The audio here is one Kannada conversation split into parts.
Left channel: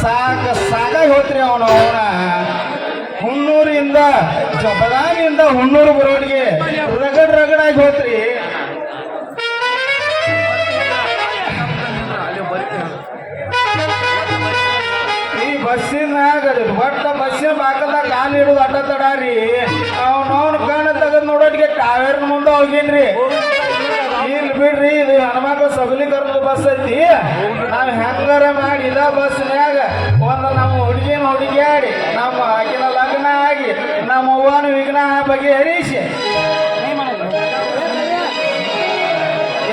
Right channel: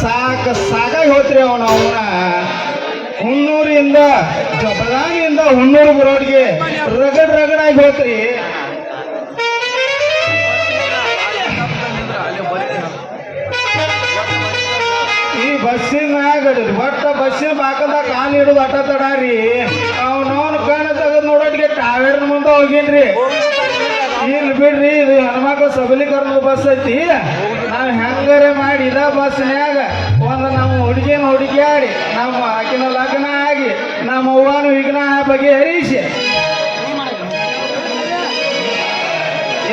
ಸಾಕಾಗಿ ಹೋತ್ರಿ ಅವನು ಹುನ್ನೂರಿಂದ ಬಳ್ಳಾರಿಯಿಂದ ಹುನ್ನೂರು ಬರೋರಿಗೆ ರಗಡಾಗಿ ಹೋತ್ರಿ. ಈ ಬಸ್ಸಿನಾಗ ಒಟ್ಟ ಬಸ್ಸಿನ ಬಾಕದಾಗ ಕಾಲ್ ಇರೋದು ಅಟ್ಟ ತಡಾರಿ ಅವ್ನವ್ನ ಕಣ ತೆಗೆದು ನೋಡೋದಕ್ಕೆ ಟೈರ್ ಮುಂದೆ ಹೋಗಿನ್ರಿ. ಇಲ್ಲಿ ಬಿಡ್ರಿ, ಇದು ಹೆಣ್ಮಕ್ಳು ಸಬಲೀಕರಣ ಬಸ್ ಐತಿ. ನಾವು ಹೆಂಗಾರ ಮಾಡಿ ಇದ ಬಸ್ನ್ಯಾಗ ಒಂದು ನಮ್ಮ ಹುಡುಗಿನ ಹುಡುಗಿಯಾಡಿ ನಮ್ಮ ಆಕಿನ ಲಗ್ನ ಆಗಿ ನಮ್ಮ ಅವ್ವನ ವಿಘ್ನ ಬಗೆಹರಿಸಿ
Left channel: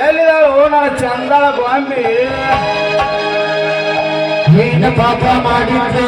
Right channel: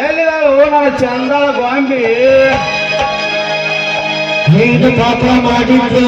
ಎಲ್ಲಿದಾವು ನನ್ನ ಚಂದ ಗಾಂಬಿ ಪಾಪ ಮಾಡಿದ್ದೆ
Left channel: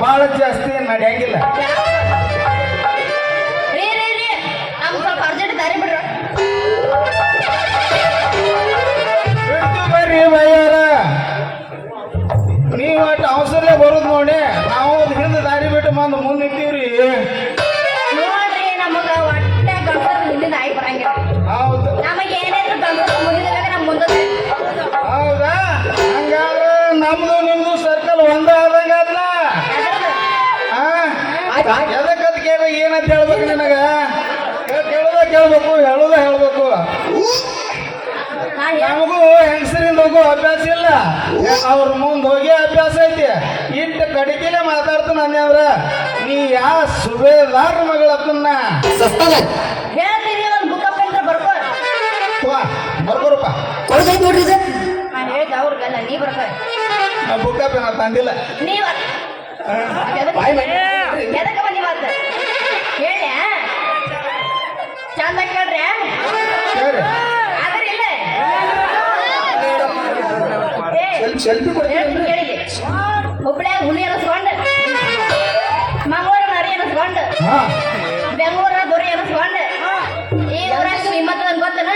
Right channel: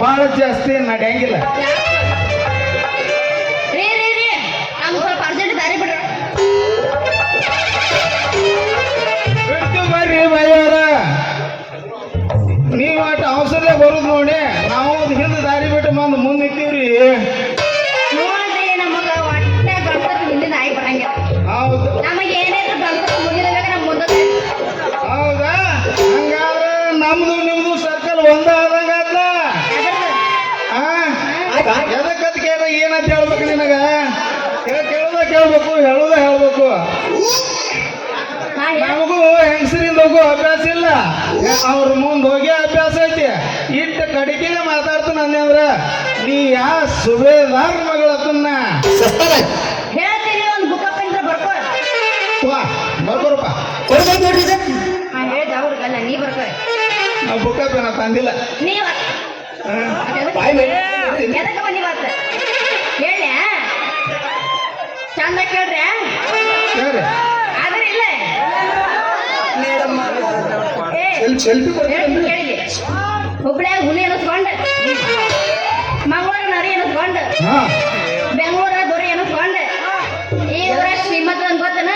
ಭಾಳ ಜಾಸ್ತಿ ನಡೆಯಂಗಿಲ್ಲ. ಬರ್ರಿ ಬಯ್ಯರ, ನೀವು ಒಟ್ಟು ಅವಸರ ಬರೋದು ನೋಡಿ, ನಾವು ಹಿಂದೆ ದಾರಿ ಬಿಟ್ಟು ಬಂದು ಮುಂದೆ ಇದ್ದೀವ್ರಿ. ಹೌದು ಹೌದಾ? ಹಂಗಾದ್ರೆ ನಮ್ದು ನಿಮ್ದು ಸರ್ಕಲ್ ಒಂದೇ ಆದಾಗಲ್ಲ. ಎದಕ್ಕದಕ್ಕೆ ಏನಂತ ಹೇಳ್ಬೇಕು ನನಗ? ಕೇಳ್ಬೇಕು, ಹೇಳೋದು ಹೇಳ್ಬೇಕು. ನಮಗೂ ಹೆಂಗಸರಿಂದ ಹೋಗೋ ಅಭ್ಯಾಸ ಇಲ್ಲ, ಅವ್ರ ಮುಂದೆ ಹೋಗಿ ಅಭ್ಯಾಸ ಐತಿ. ಇಟ್ಟು ಕಡಿಕೆನೆ ಮಾತಾಡ್ತಾನೆ ಅನ್ನವ್ರ. ನೀ ಯಾ ಸುಬೇದಾರ್ ಮಗಳನ್ನ ಬುಕ್ಕ ಪೇನ ತಂದಿಲ್ಲ. ಹುಬ್ಳ್ಯಾ ಹುಲಿ ಅನಿಸ್ಕೊಂಡ, ಮಂಗಳೂರು ನರಿ ಅನಿಸ್ಕೊಂಡ, ಬೆಂಗಳೂರ ದೊರೆ ಅನಿಸ್ಕೊಂಡ, ಈ ಊರ ಶ್ರೀಮಂತ ಅಂತ ಗೊತ್ತನ,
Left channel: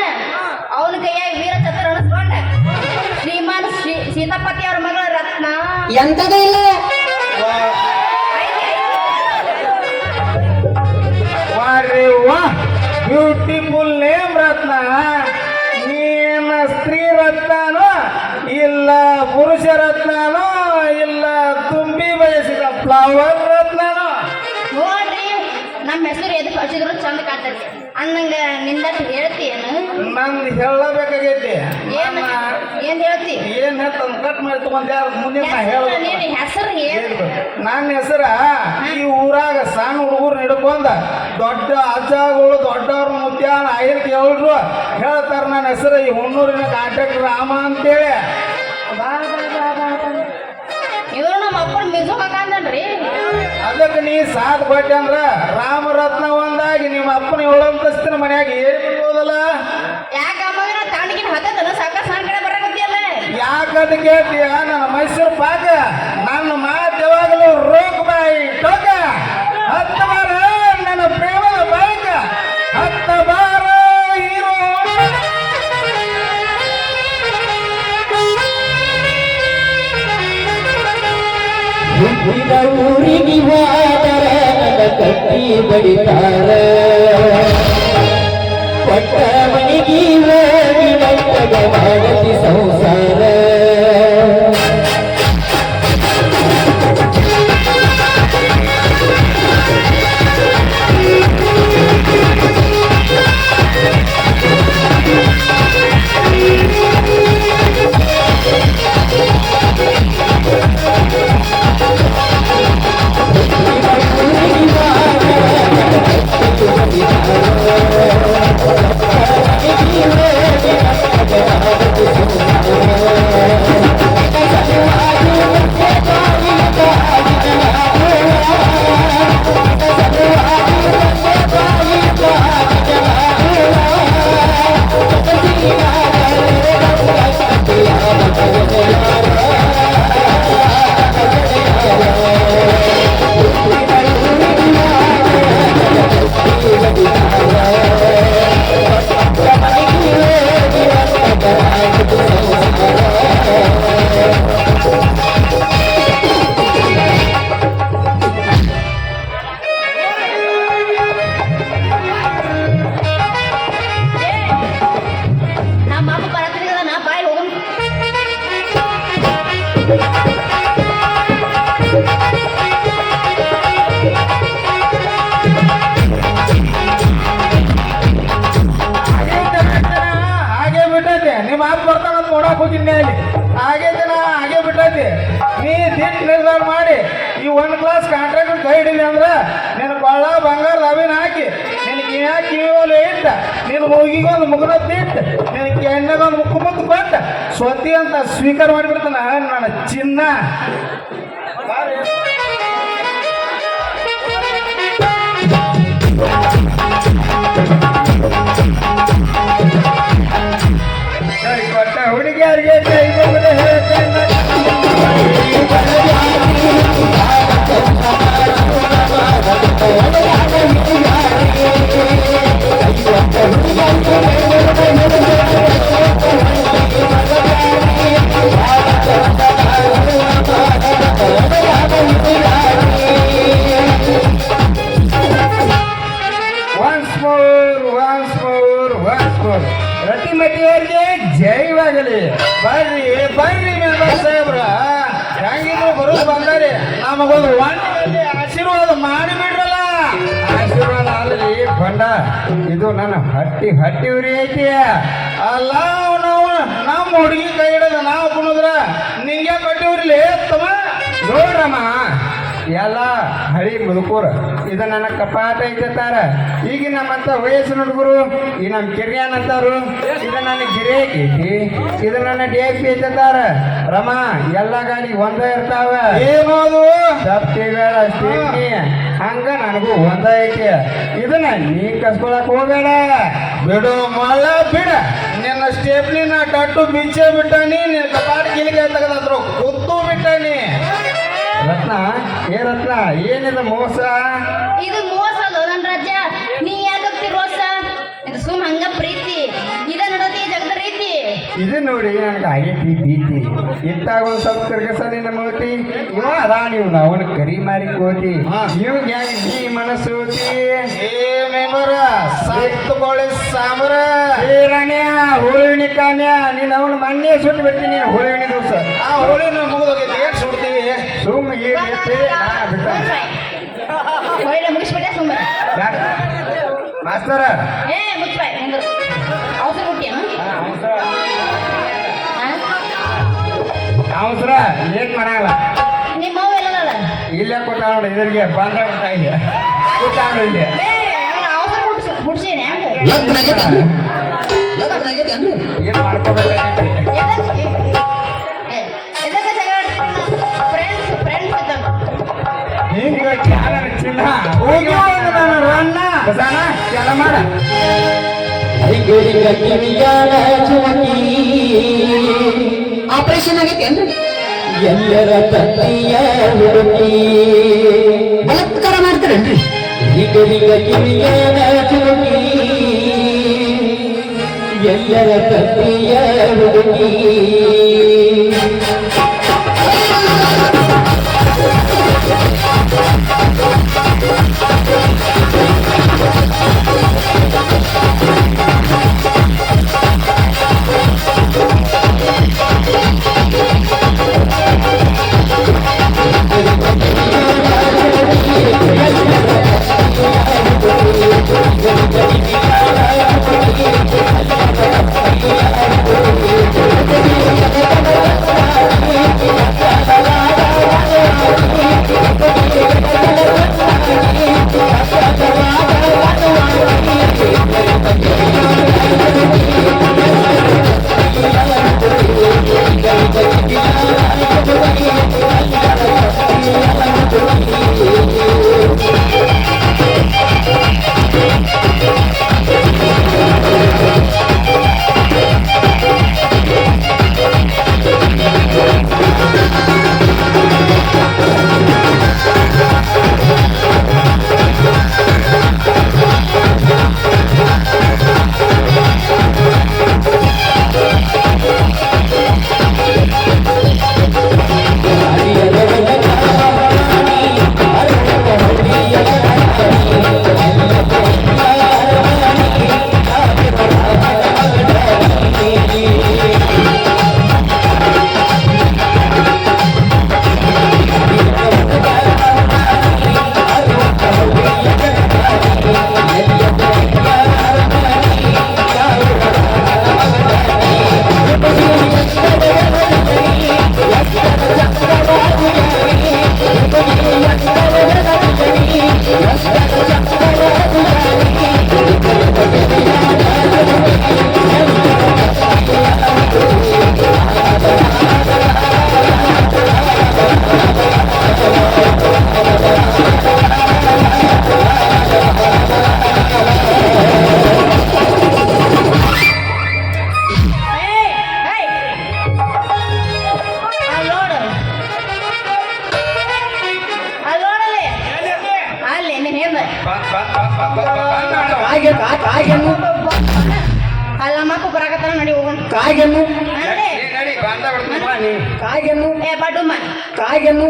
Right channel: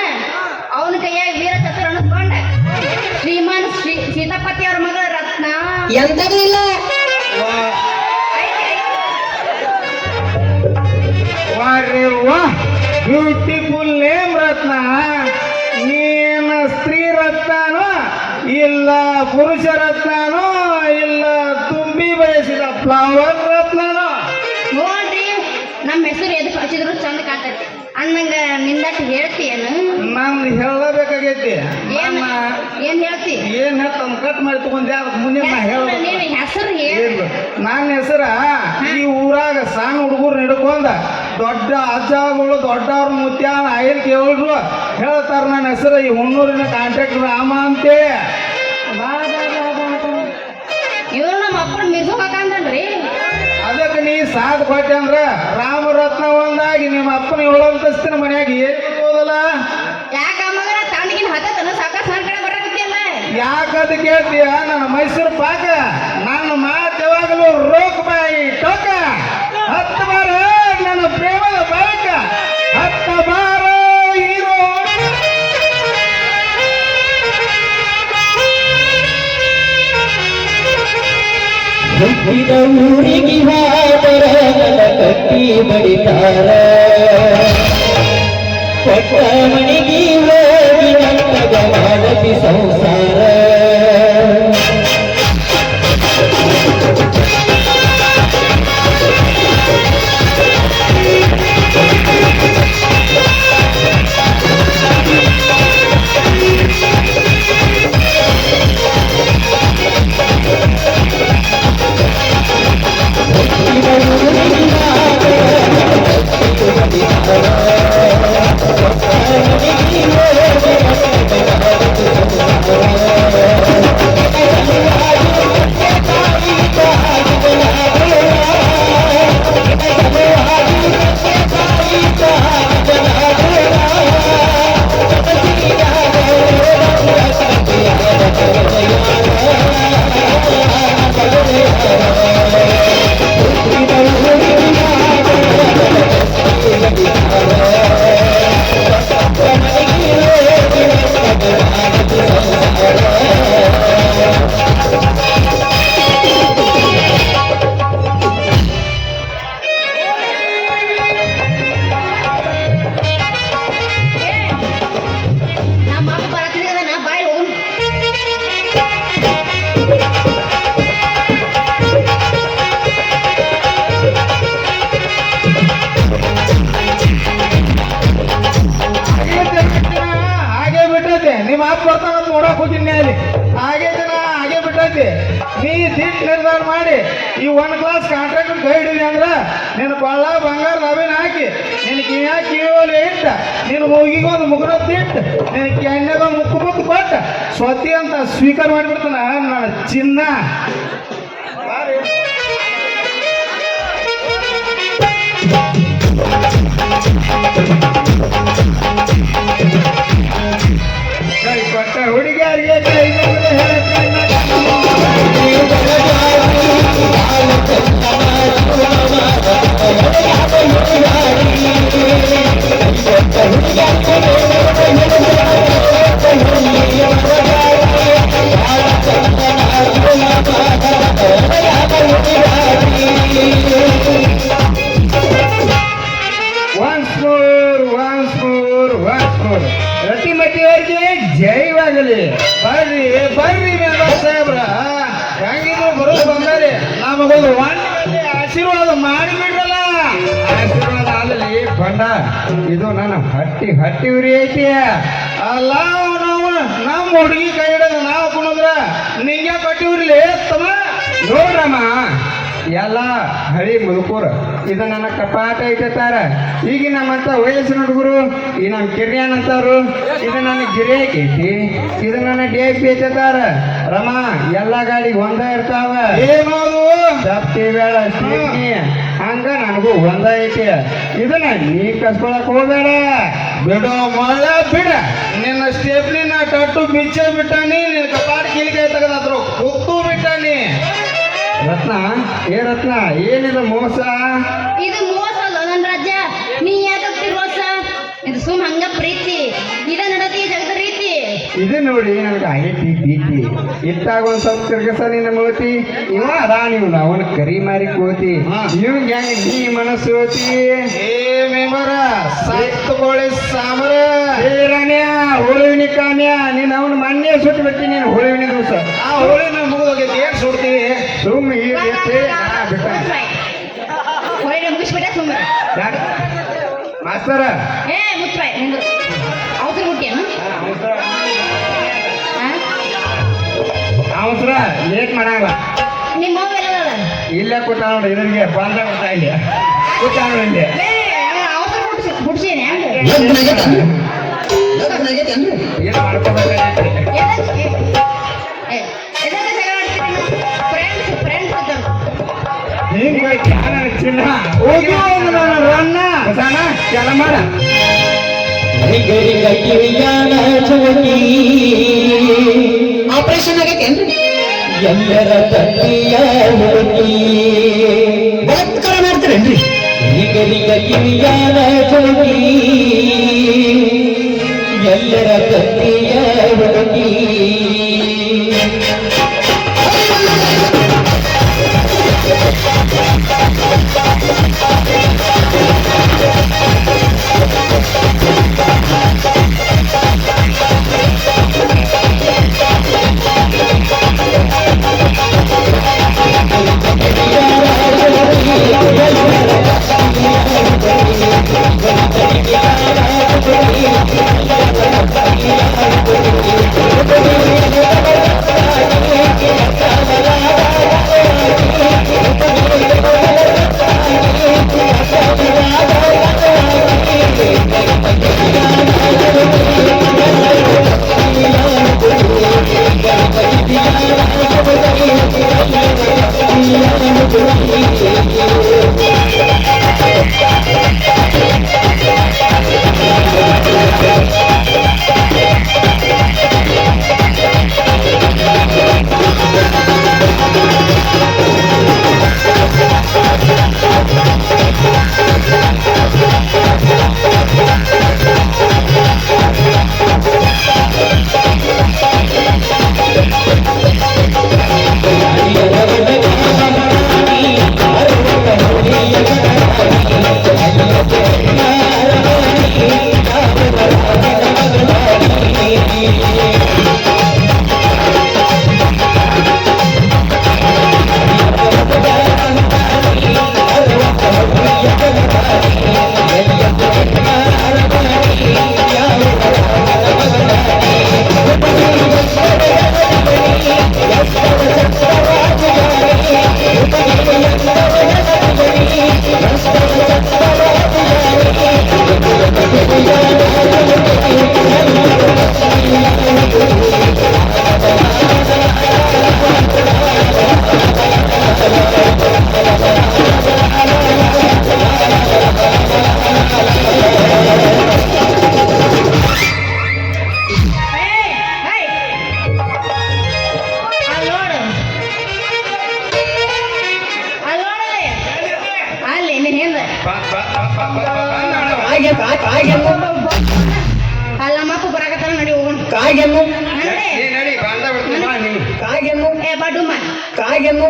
ಅವನ ಕೈಯಾಗ ವೀರ ಚತುರ ಅನಿಸ್ಕೊಂಡ, ಶ್ರೀಮಂತ ಸೀತಾಪತಿ ಅವ್ರ ಮಗಳ ರತ್ನ ಎಂತದೂ ಇಲ್ಲ. ಬ್ಯೂಟಿಫುಲ್ ನೇಮ್ ರತ್ನ. ನೀನ ಸ್ತ್ರೀ ರತ್ನನೋ ಇಲ್ಲ ಪುರುಷ ರತ್ನನೋ ಇಲ್ಲ ತುಂಬಿ ಬಯಸಿದ ಫ್ಲವರ್ ರತ್ನನೋ? ನೋಡ್ರಿ, ನಮ್ಮ ಹೆಸರು ಎದು ಕಳ್ಸಿದ್ರು ಚಂದ ಕಾಣ್ತೈತಿ ಅನ್ನಂಗ ನಿಂದಷ್ಟು ಹೇಳ್ತೀಯೇನು? ನಾನು ಹೇಳಬೇಕಾಗೈತಿ. ಏನ್ ಹೇಳ್ತಿ? ಏನ್ ಹೇಳ್ತ ಕಟ್ ಮಾಡ್ತು ಮುಂದೆ ಮುಂದಿನ ಹೇಳ. ನೀನು ಕೊಟ್ಟೆ ಅಂದ್ರ ರಾಮರತ್ನ ಒಂದಾಗಿ ನಿಮ್ಮ ಅಪ್ಪನ ಹೇಳೋದಸ್ತಿನ ಮನ್ಯಾಗ ಏನಿಲ್ಲ ಯಾಕ ಮಗನ ತಣ್ಣಗಿನ ಹತ್ತದನು ಸಾಕಷ್ಟು ನನ್ನ ಕಡೆ ಬರಕತ್ತಿಯಲ್ಲ ಯಾಕಂತ ಕೇಳ್ತೀಯ ನನ್ನ ಮೈಸೂರು ಪಾಕ ನನ್ನ ಮಾತು ಯಾವಾಗಲೂ ರೋಕ್ ಬಾಯಿ ಟೋಕ ಹತ್ತ ಬಾರ ನನ್ನ ಪ್ರೇಮದ ಬಾಯಕ ಹತ್ತ ಬಾರ ಹೀರೋ ಹುಟ್ಟಿದ ಊರಿಗೆ ಹೋದರ ನನ್ನ ಕಟ್ಟಿ ಬಡಿತಾರ ಕೊಟ್ಟ ಮನೆಗೆ ಹೋಗಿ ನನ್ನಗ ಮಾಡತಿ ಸಂಸಾರ ನಮ್ಮ ಅಪ್ಪ ಬರತ್ತಿನ ನಾ ಬಾಯಿ ಹೋಗು ಹಾಗೆ ಬಿಟ್ಟೈತೆ ನಿಮ್ಮ ಅಪ್ಪ ಬರ್ತಾನಂತ ನೋಡಕ್ ಹೋಗಿನಿ ಅಲ್ಲಿ ಹಾಗೆ ಬಿಟ್ಟೈತಿ ನೀ ದಿಟ್ ನಿರ್ಧಾರ ಮಾಡಿ ಈ ಒಂದ್ ಕ್ಲಾಸ್ ಕಾಂಟ್ರಾಕ್ಟ್ ಕೈ ಹಿಡಿಲಿ ಅಂದ್ರ ನಿನ್ನ ಕೊಳ್ಳ ಬಂಗಾರ ರವಿನ ಹಾಕಿ ನಿನ್ ಕಿವಿ ಮೇಲೆ ಇಟ್ಟ ನಿನ್ನ ಮೂಗಿಗೊಂದು ಮುಗುನ ತಿಟ್ಟು ನಿನ್ನ ಕೆಣ್ಣಗೊಂದು ಮುತ್ತು ಕೊಟ್ಟ ಸ್ವತಿ ಅಂತ ಸ್ವೀಕಾರ ಮಾಡಿಬಿಡ್ತಾನ ನನ್ನ ಚಿನ್ನ ಕೊಟ್ಟ ಹುಡುಗಿಯರಿಗೆ ಕರಿಗೊಂಡು ಹೇಳ್ತಾನೆ once more ರತಿಮತಿಯವರಿಗೆ ಜೈವಾಗಲಿ ಬರ್ರಿ ಸಾಹೇಬ್ರ ಹೆಂಗಿದ್ರು ಬರೋದು ಬಂದಾರಿ ನಮಗೊಂದು ಆಶೀರ್ವಾದ ಮಾಡಿಬಿಡ್ರಲ್ಲ ಆಶೀರ್ವಾದ ಅಲ್ಲಿ ಬಂದ ಇದು ನನ್ನ ಹಟ್ಟಿ ಉರಿ ಐತಿ ಅಲ್ಲ ನಮ್ಮ ಹುಡುಗಿ ಕೈ ಹಿಡಿದ ನಾವು ಕುಣಿದ್ರ ನಿಂಗೆ ಕಟ್ಟಿ ಉರ್ಲಿ ತಮ್ಮ ನೋಡ್ರಮ್ಮ ಎಲ್ಲ ಹಳಿ ಮುದುಕೂರ ಇದು ನನ್ನ ಕಪಾಟ ಇಟ್ಟಾರ ಈಗಿನ ಮತ್ತೆ ವಯಸ್ಸಿನ ಹುಡುಗರು ಈ ನಮ್ಮ ಕಿರಿಯನ್ ಅಂತಾರು ಇದು ನನ್ನ ಗಿರೇಕ್ ಐತಿ ಇದು ನನ್ನ ಡೇಕ್ ಬೇತಾರ ರಮ ಎಲ್ಲ ಗಾಡಿ ಒಂದೇ ಇರ್ತಾವ ಏನೋದು ಸತ್ತಿ ಬೇಡ ಸ್ಟೇಟ್ನಿ ಹಂಗ ನನಗೂ ಒಂದ ಐತಿ ಇದನ್ನ ನೀ ಕಸ್ಕೊಳಕ್ ಹೋಗ್ಬೇಡ ಬಿಡು ಮಳ ಬಿಡ ನಿನ್ನ ಸ್ಟೇಪ್ನಿನ ಕಟ್ಟು ಬಿಚ್ಚೆ ಬಿಟ್ಟಾನಿ ನಿನ್ನ ಕಪಾಟ ಕಿಲಿಗೆ ತಗನಾದ್ರು ಕೂತು ಬಿಟ್ಟಾನಿ ರತ್ನ ರತ್ನ ಏನಿದ ಮೋಸ ಇದು ಮೋಸ ಅಲ್ಲ ನನ್ನ ರಾಜ್ಯ ನೀ ಯಾಕಪ್ಪಿ ಮೋಸ ಇದು ಸುಮ್ ಹಂಗ ಪ್ರೀತಿ ಇದ ನಡತಿ ಜಗದ ರೀತಿ ಇದು ನೋಡಿ ನನಗೆ ಆಗೈತಿ ಪ್ರೀತಿ ಇತ್ತಾಗ ಒಂದ್ ಸ್ವಲ್ಪ ತಿರ್ಗಸ ನಿನ್ನ ಮೂತಿ ಇವ ರಾಣಿ ಅವನ ಕರಿ ಮಾರಿ ಕೋತಿ ಇವ್ ಗ್ಯಾಂಗ್ ನೀ ಮನಸ್ಸು ಓತಿ ಸಾಮರ ರಣ್ಯ ಹೋಳಿನಿ ಕಾನ್ಯ ನೀನ್ ಅವನ ಮಣ್ಣೆ ಸುಟ್ಟು ಬಿಡ್ತೀನಿ ಹೋಳಿನಿ ದಿವಸ ಆ ಹೋಳಿ ನಮ್ಮ ಸುಡ್ತೀವಿ ಸುಮ್ಮ ಈಗ ಮುಗಿಸ್ಬಿಟ್ಟೆ ಸುಮ್ಮನೆ ಮಾಸ್ತರ ಏ ಮುಚ್ಚಾಯ್ ನಿಂದು ಅವಸರ ಹುಟ್ಟಿಯನು ಅವಸರ ಲೇಟ್ ಮಾಡಲ್ಲ ನಿಮ್ಮ ಅವ್ವ ಎಲ್ಲದಲ್ಲ ಇಲ್ಲೇ ಕೂತಾಳ ಇದರಿಗೆ ಬಂದ ಇಲ್ಲ ಕೂತಾಳ ಇಲ್ಲಿ ಅವಸರ ಹುಡ್ಸೇನೆ ಏನ್ ಮಾಡ್ಕೋಬೇಕಾಗೈತಿ ಫ್ರೆಂಡ್ಸ್ ಹಿಂಗ ಚಿನ್ನ ಹೋಗಿ ಅವನು ನಾನು ರನ್ನ ಬಸಣ್ಣ ಕೆಲ ಮಾಡ ರಿಂಗರಿಂಗ ಕಿವಿಯಾನ ಚಮಕಿ ಆಪರೇಷನ್ ಆಗೈತೇನ್ರಿ ಎಲ್ಲರ ತಂದೆಯ ಹುಡುಕಿ ಬಲಾತ್ಕಾರ ಮಾಡ್ತಾರೇನ್ರಿ ರಿಂಗರಿಂಗ ಕಿವಿಯಾನ ಚಮಕಿ ಎಲ್ಲರ ತಂದೆಯ ಹುಡುಕಿ ಅಲ್ಲ ಮಕ್ಕಳು ಬರಾಕತ್ತಾನ ನಡಿ ಹೋಗೋಣ ಕಾಗೆನ್ನು ನಡಿ. ನೀ ನಡಿ ಬಂದ ಬಿಡ್ತೀನಿ ಬಾ ನೀ ಕಾಗೆನ್ನು ಏ ಬಾಡುಮ್ಮ ಕಾಗೆನ್ನು